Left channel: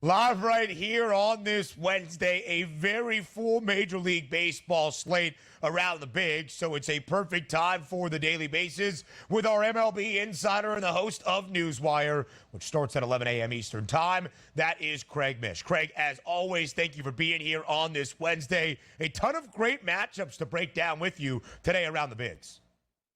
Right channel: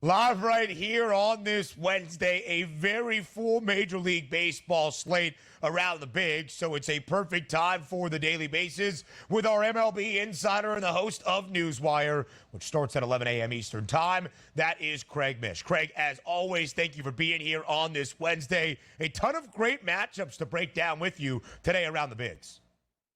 Live right here on this Wednesday, a very full Major League Baseball slate around the big, so it's a perfect time for the Daily Bases with our MLB insider and the host of Newswire, which starts at 11 a.m. Eastern Time. That is Craig Mish. Craig, as always, thank you for being here on this Wednesday. A ton of great matchups to break down with you today around the bigs.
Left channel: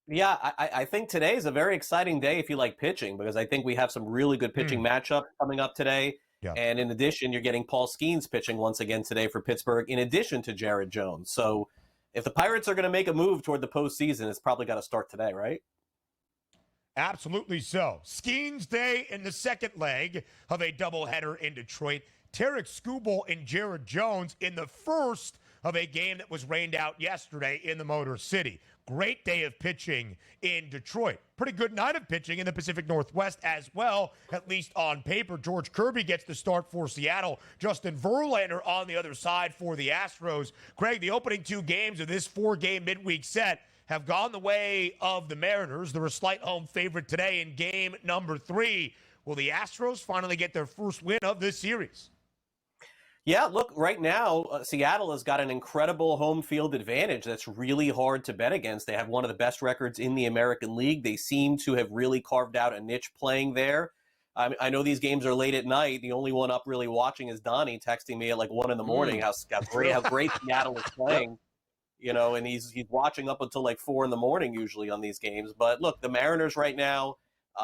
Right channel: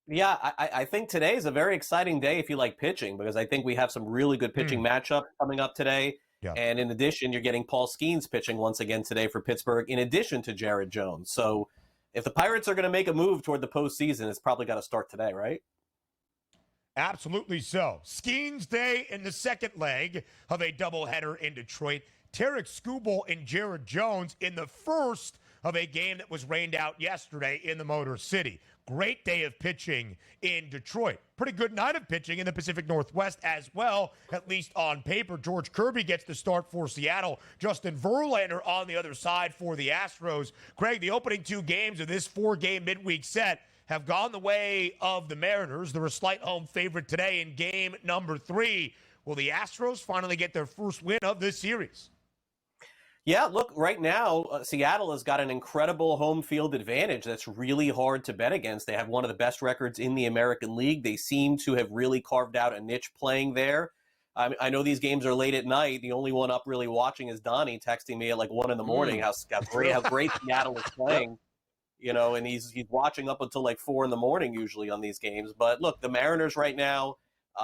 Yeah, I think today is a very exciting day if you like pitching, because I think we have some really good pitching matchup coming up today. Yeah. And in addition, you're getting Paul Skenes pitching once again today for Pittsburgh, in addition to Jared Jones. So if the Pirates are going to make a move toward the postseason, it's probably got to start today, right? Absolutely so. Skenes Day in the second leg of a doubleheader in Detroit. Tarek Skubal and Jared Jones in the first of a game that was rained out yesterday in the Motor City. Great day of pitching in Detroit. Pretty good night of pitching in the Pacific Northwest as well, at least on paper. George Kirby gets the start for Seattle. Justin Verlander on the other side for the Astros. Craig, the opening two games of this four-game midweek set have gone the way of the Mariners. They're a slight home favorite today in game number 3. Will the Astros finally get their first win of this series? Yeah, look, right now, Seattle has got an incredible home field advantage that's really hard to bet against. They have one of the best records in the American League. They seem to have really carved out a niche playing there. I know these games are late at night. The only one up really watching is Donnie texting me at like 1 in the morning how great Seattle is playing. You know, and he's watching up until like 4 in the morning usually on these games. But look, the Mariners right now,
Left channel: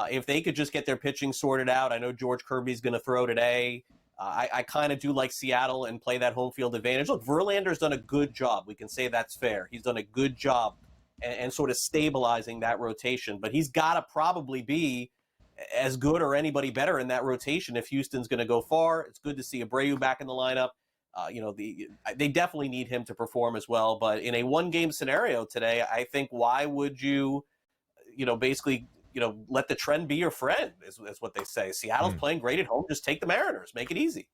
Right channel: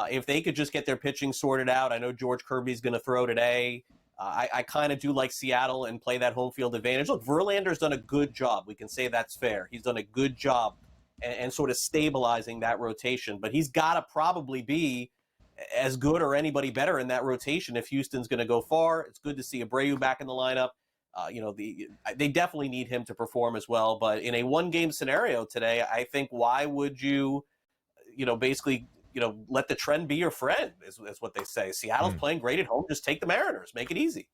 if they could just get their pitching sorted out, I know George Kirby's going to throw today. I kind of do like Seattle and play that home field advantage. Look, Verlander's done a good job. We can say that's fair. He's done a good job and sort of stabilizing that rotation. But he's got to probably be as good or anybody better in that rotation if Houston's going to go far. It's good to see Abreu back in the lineup. They definitely need him to perform as well. But in a one-game scenario today, I think why would you, basically – let the trend be your friend, is what they say. Seattle's playing great at home. Just take the Mariners. Make it easy.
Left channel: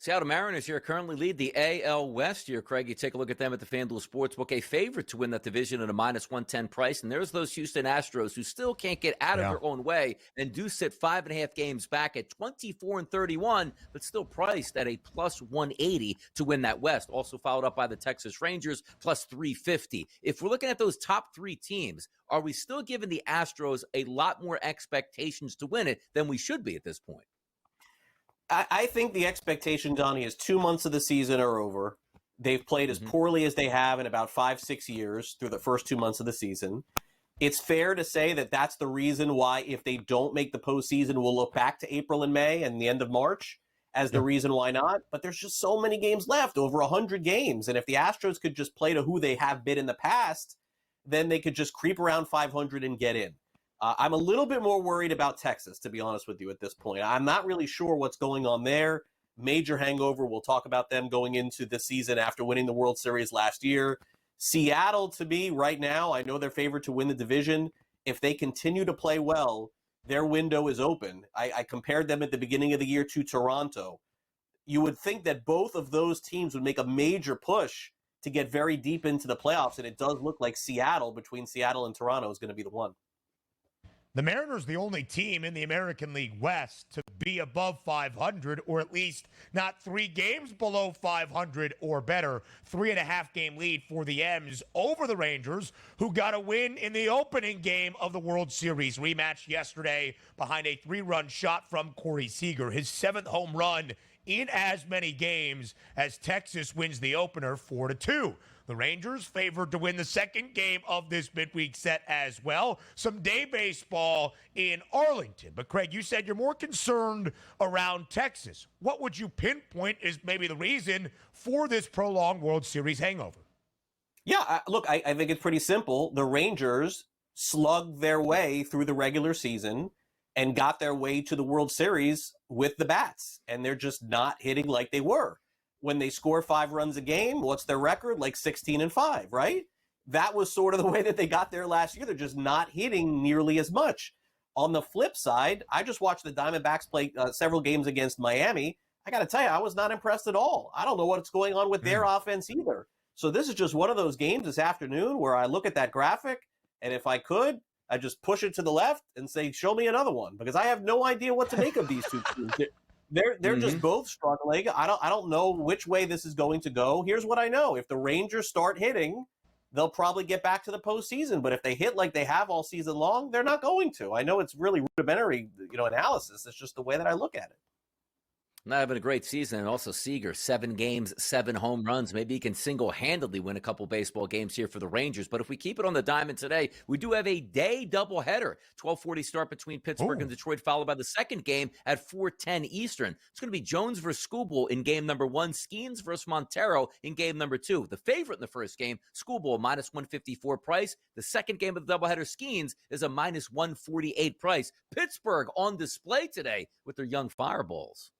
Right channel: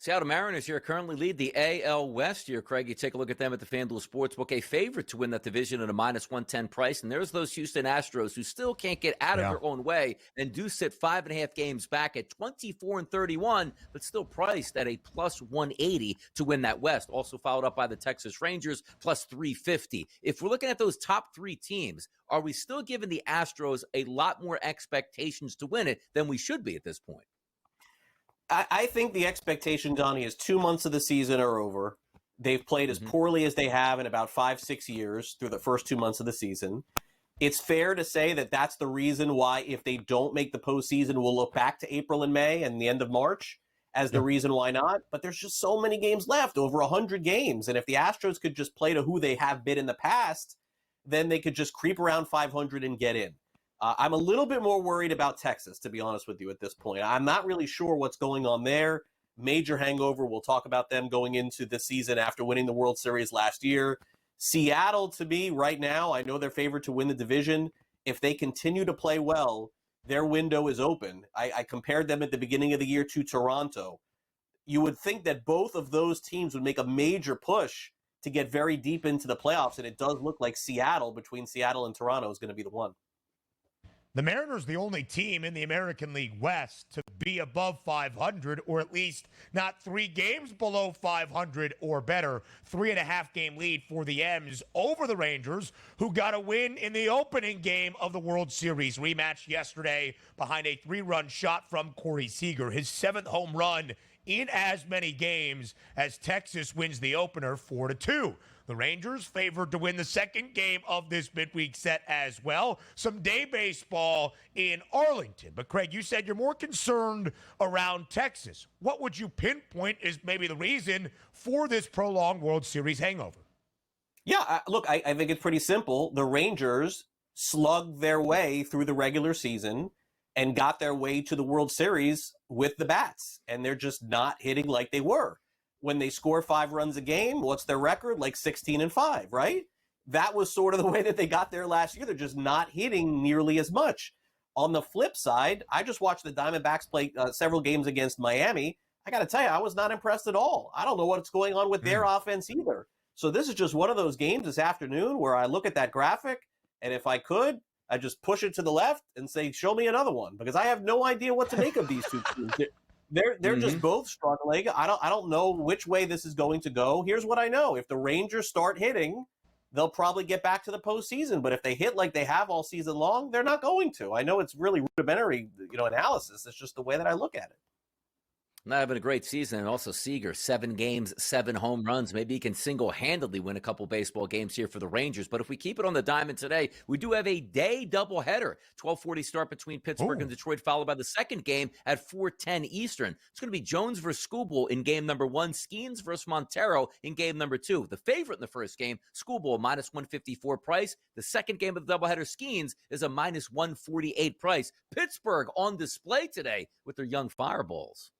Seattle Mariners here currently lead the AL West here, Craig. You take a look at them at the FanDuel Sportsbook, a favorite to win that division at a -110 price. And there's those Houston Astros who still can't get out of their own way and do sit 5.5 games back at 24-31, but still priced at a +180 to win that West. Also followed up by the Texas Rangers, +350. If we're looking at those top three teams, are we still giving the Astros a lot more expectations to win it than we should be at this point? I think the expectation, Donnie, is 2 months of the season are over. They've played as poorly as they have in about 5-6 years through the first 2 months of the season. It's fair to say that that's the reason why, if they don't make the postseason, we'll look back to April and May and the end of March as the reason why not. But there's just so many games left, over 100 games. And if the Astros could just play to who they have been in the past, then they could just creep around 500 and get in. I'm a little bit more worried about Texas, to be honest with you, at this point. I'm not really sure what's going on there. Major hangover. We'll talk about them going into the season after winning the World Series last year. Seattle, to me, right now, I know they're favored to win the division. If they continue to play well, their window is open. I compared them at the beginning of the year to Toronto. You would think that both of those teams would make a major push to get very deep into the playoffs, and it does look like Seattle, between Seattle and Toronto, is going to be the one. The Mariners, the only team in the American League West to be above 500, or at least not 3 games below 500 or better. 3.5 game lead for the M's over the Rangers, who got a win in the opening game of the World Series rematch yesterday behind a 3-run shot from Corey Seager, his 7th home run in as many games as Texas wins the opener 4-2. The Rangers favored to win the second game of this midweek set as well. Some day baseball in Arlington. But, Craig, you said you're more concerned around Texas. What would you pinpoint is maybe the reason for this prolonged World Series hangover? Yeah, look, I think it's pretty simple. The Rangers slugged their way through the regular season and got their way to the World Series with the bats. And they're just not hitting like they were. When they score 5 runs a game, what's their record? Like 16-5, right? That was sort of the way that they got there last year. They're just not hitting nearly as much. On the flip side, I just watched the Diamondbacks play several games against Miami. I got to tell you, I was not impressed at all. I don't know what's going on with their offense either. So this is just one of those games this afternoon where I look at that graphic, and if I could, I just push it to the left and say, show me another one, because I have no idea what to make of these two teams. They're just both struggling. I don't know which way this is going to go. Here's what I know: if the Rangers start hitting, they'll probably get back to the postseason. But if they hit like they have all season long, they're not going to. I know it's really rudimentary, analysis. It's just the way that I look at it. Not having a great season. And also Seager, 7 games, 7 home runs. Maybe he can single-handedly win a couple baseball games here for the Rangers. But if we keep it on the diamond today, we do have a day doubleheader. 12:40 start between Pittsburgh and Detroit, followed by the second game at 4:10 Eastern. It's going to be Jones versus Schoolboy in game number 1, Skenes versus Montero in game number 2. The favorite in the first game, Schoolboy, minus 154 price. The second game of the doubleheader, Skenes, is a minus 148 price. Pittsburgh on display today with their young fireballs.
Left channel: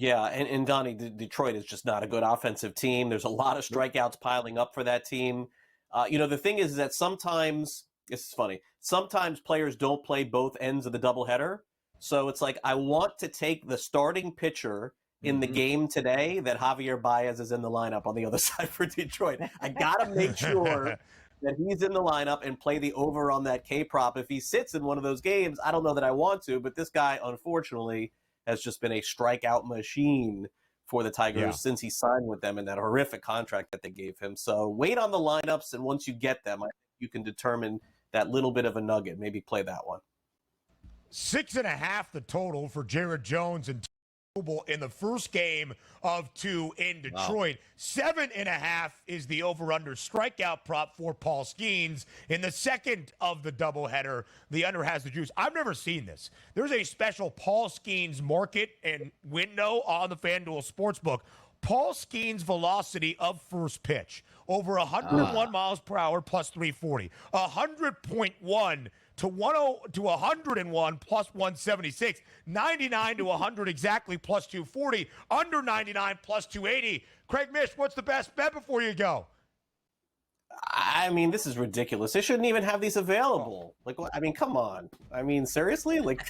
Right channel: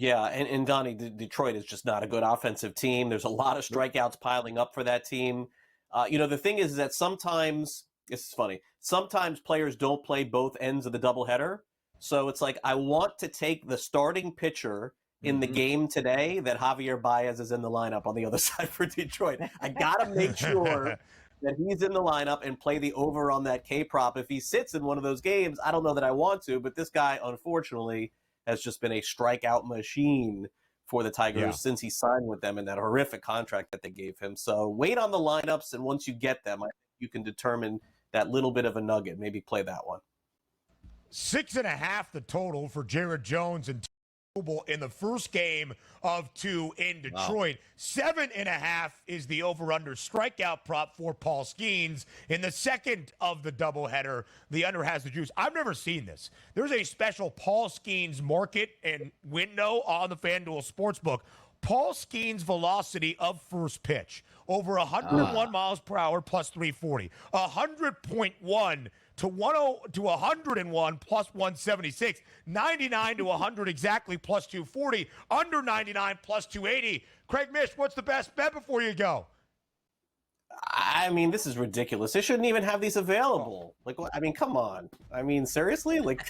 Yeah, and Donnie, Detroit is just not a good offensive team. There's a lot of strikeouts piling up for that team. The thing is that sometimes, this is funny, sometimes players don't play both ends of the doubleheader. So it's like, I want to take the starting pitcher in the game today that Javier Baez is in the lineup on the other side for Detroit. I got to make sure that he's in the lineup and play the over on that K-prop. If he sits in one of those games, I don't know that I want to, but this guy, unfortunately, has just been a strikeout machine for the Tigers since he signed with them in that horrific contract that they gave him. So wait on the lineups, and once you get them, I think you can determine that little bit of a nugget. Maybe play that one. 6.5 the total for Jared Jones and in the first game of 2 in Detroit. Wow. 7.5 is the over-under strikeout prop for Paul Skenes. In the second of the doubleheader, the under has the juice. I've never seen this. There's a special Paul Skenes market and window on the FanDuel Sportsbook. Paul Skenes' velocity of first pitch, over 101 miles per hour plus 340. 100.1 to 101 plus 176, 99 to 100 exactly plus 240, under 99 plus 280. Craig Mish, what's the best bet before you go? I mean, this is ridiculous. They shouldn't even have these available. Like, I mean, come on. I mean, seriously? Like,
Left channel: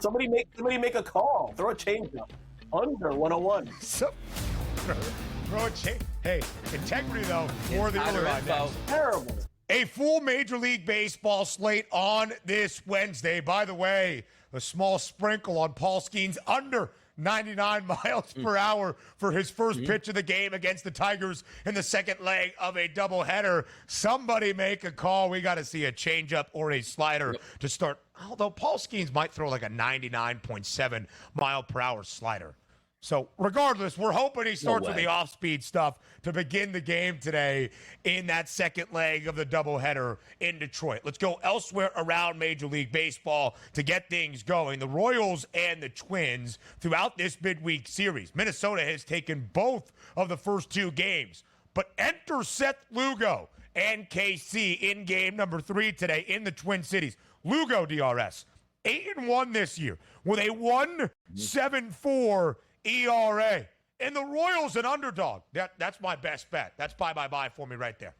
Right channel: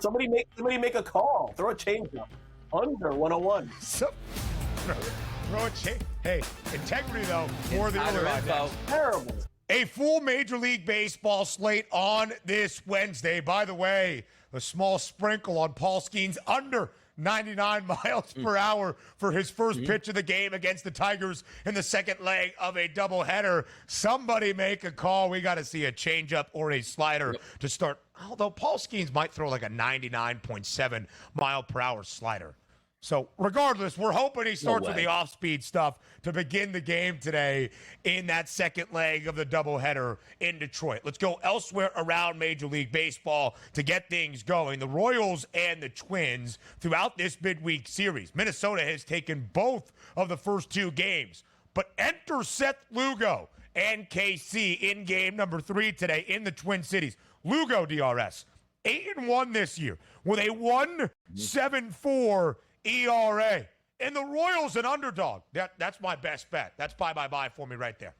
somebody make a call. Throw a changeup. Under 101. Hey, integrity, though, more than other. Terrible. A full Major League Baseball slate on this Wednesday. By the way, a small sprinkle on Paul Skenes under 99 miles per hour for his first pitch of the game against the Tigers in the second leg of a doubleheader. Somebody make a call. We got to see a changeup or a slider to start. Although Paul Skenes might throw like a 99.7 mile per hour slider. So regardless, we're hoping he starts with the off-speed stuff to begin the game today in that second leg of the doubleheader in Detroit. Let's go elsewhere around Major League Baseball to get things going. The Royals and the Twins throughout this midweek series. Minnesota has taken both of the first 2 games. But enter Seth Lugo and KC in game number 3 today in the Twin Cities. Lugo, DRS, 8-1 this year with a 1.74 ERA. And the Royals an underdog. That's my best bet. That's buy for me right there.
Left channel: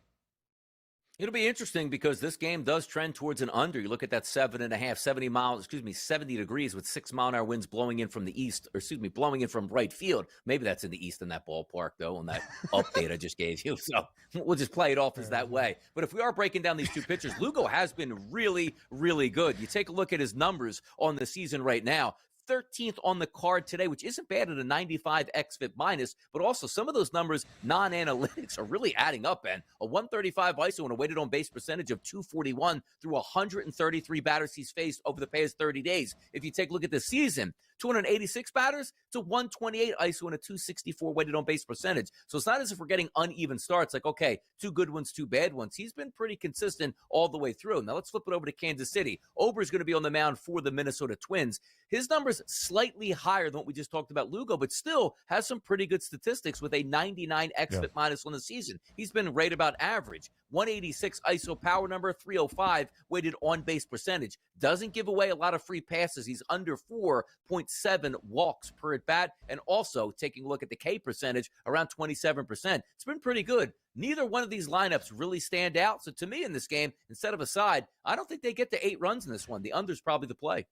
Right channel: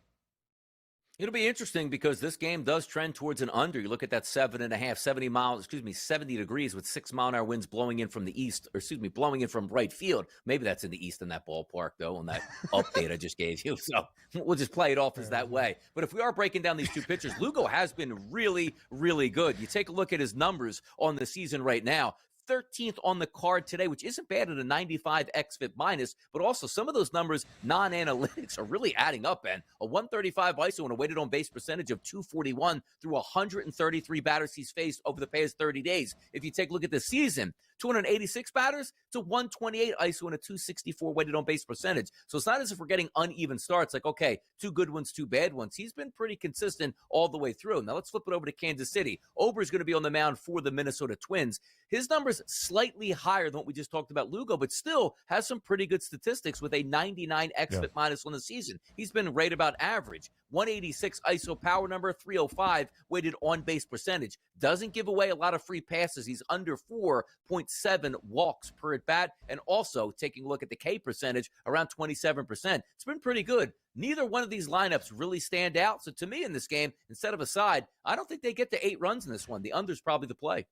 It'll be interesting because this game does trend towards an under. You look at that 7.5, 70 degrees with 6-mile-an-hour winds blowing in from the east, blowing in from right field. Maybe that's in the east in that ballpark, though, on that update I just gave you. So we'll just play it off as that way. But if we are breaking down these 2 pitchers, Lugo has been really, really good. You take a look at his numbers on the season right now. 13th on the card today, which isn't bad at a 95 xFIP minus, but also some of those numbers, non-analytics, are really adding up, Ben. A 135 ISO and a weighted on base percentage of 241 through 133 batters he's faced over the past 30 days. If you take a look at the season, 286 batters to 128 ISO and a 264 weighted on base percentage. So it's not as if we're getting uneven starts, like, okay, 2 good ones, 2 bad ones. He's been pretty consistent all the way through. Now let's flip it over to Kansas City. Ober's going to be on the mound for the Minnesota Twins. His number's slightly higher than what we just talked about, Lugo, but still has some pretty good statistics with a 99 xFIP minus on the season. He's been right about average. 186 ISO power number, 305 weighted on base percentage. Doesn't give away a lot of free passes. He's under 4.7 walks per at bat. And also taking a look at the K percentage, around 27%. It's been pretty good. Neither one of these lineups really stand out. So to me in this game, instead of a side, I don't think they get to 8 runs in this one. The under's probably the play.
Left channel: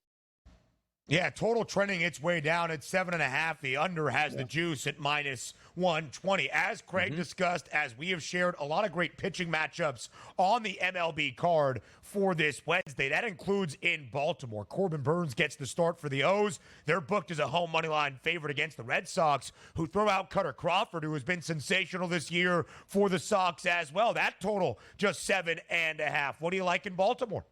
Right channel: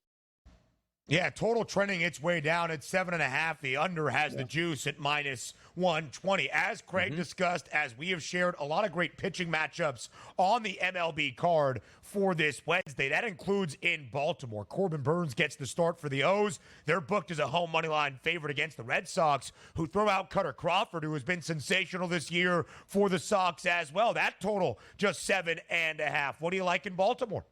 Yeah, total trending its way down at 7.5. The under has the juice at minus 120. As Craig discussed, as we have shared, a lot of great pitching matchups on the MLB card for this Wednesday. That includes in Baltimore. Corbin Burns gets the start for the O's. They're booked as a home moneyline favorite against the Red Sox, who throw out Cutter Crawford, who has been sensational this year for the Sox as well. That total just 7.5. What do you like in Baltimore?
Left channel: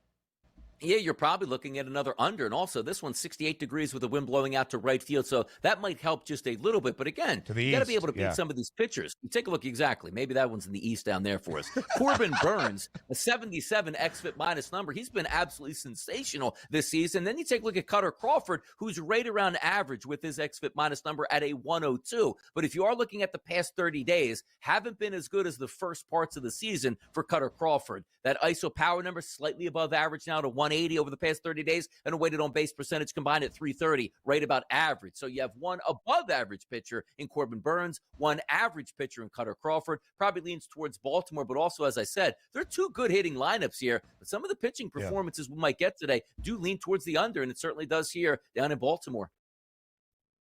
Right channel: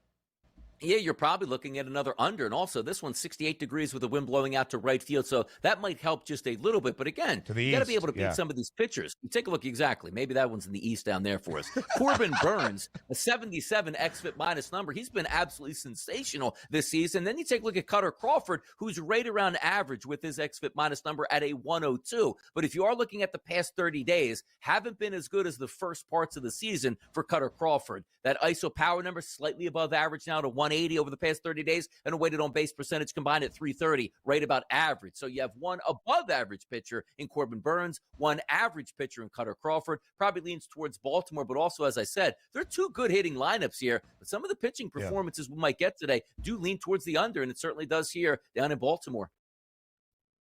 Yeah, you're probably looking at another under. And also, this one's 68 degrees with the wind blowing out to right field. So that might help just a little bit. But again, you got to be able to beat some of these pitchers. You take a look exactly. Maybe that one's in the east down there for us. Corbin Burns, a 77 xFIP minus number. He's been absolutely sensational this season. Then you take a look at Cutter Crawford, who's right around average with his xFIP minus number at a 102. But if you are looking at the past 30 days, haven't been as good as the first parts of the season for Cutter Crawford. That ISO power number slightly above average now to 180 over the past 30 days, and a weighted on base percentage combined at 330, right about average. So you have one above average pitcher in Corbin Burns, one average pitcher in Cutter Crawford. Probably leans towards Baltimore, but also, as I said, they're two good hitting lineups here. But some of the pitching performances we might get today do lean towards the under, and it certainly does here down in Baltimore.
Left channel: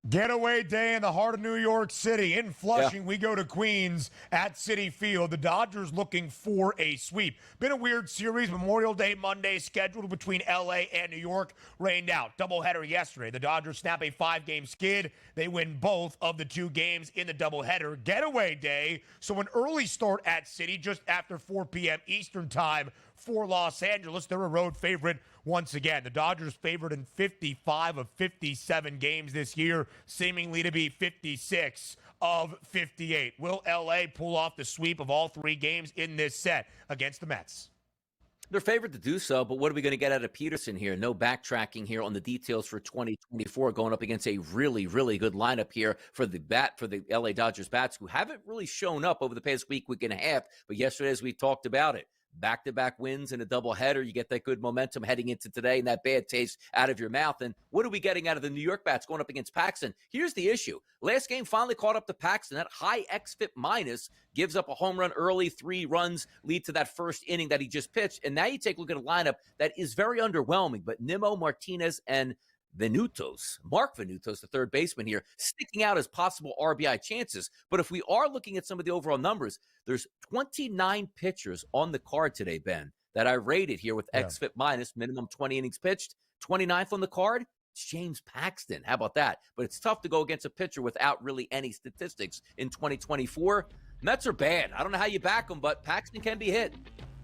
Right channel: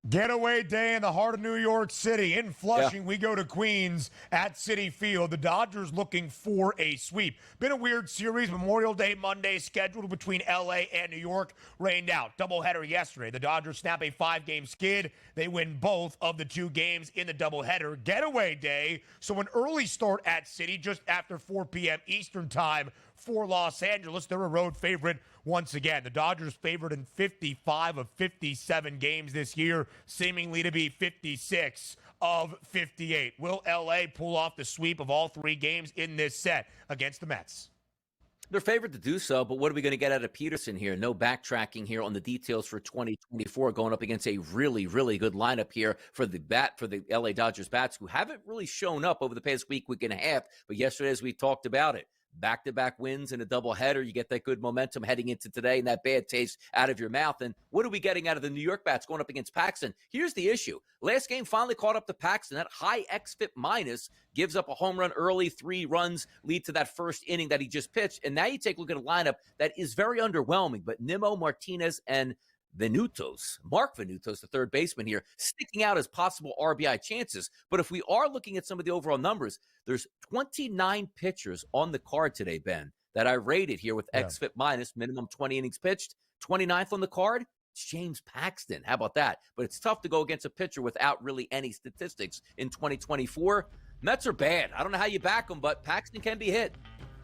Getaway day in the heart of New York City. In Flushing, we go to Queens at Citi Field. The Dodgers looking for a sweep. Been a weird series. Memorial Day Monday scheduled between L.A. and New York. Rained out. Doubleheader yesterday. The Dodgers snap a 5-game skid. They win both of the 2 games in the doubleheader. Getaway day. So an early start at Citi just after 4 p.m. Eastern time for Los Angeles. They're a road favorite once again. The Dodgers favored in 55 of 57 games this year, seemingly to be 56 of 58. Will L.A. pull off the sweep of all 3 games in this set against the Mets? They're favored to do so, but what are we going to get out of Peterson here? No backtracking here on the details for 2024, going up against a really, really good lineup here for the LA Dodgers bats, who haven't really shown up over the past week and a half, but yesterday, as we talked about it, back-to-back wins in a doubleheader. You get that good momentum heading into today and that bad taste out of your mouth. And what are we getting out of the New York bats going up against Paxton? Here's the issue. Last game finally caught up to Paxton. That high xFIP minus gives up a home run early. 3 runs lead to that first inning that he just pitched. And now you take a look at a lineup that is very underwhelming. But Nimmo, Martinez, and Mark Venutos, the third baseman here, sticking out as possible RBI chances. But if we are looking at some of the overall numbers, there's 29 pitchers on the card today, Ben, that I rated here with xFIP minus, minimum 20 innings pitched. 29th on the card, it's James Paxton. How about that? But it's tough to go against a pitcher without really any statistics in 2024. Mets are bad. I don't know how you back them, but Paxton can be hit.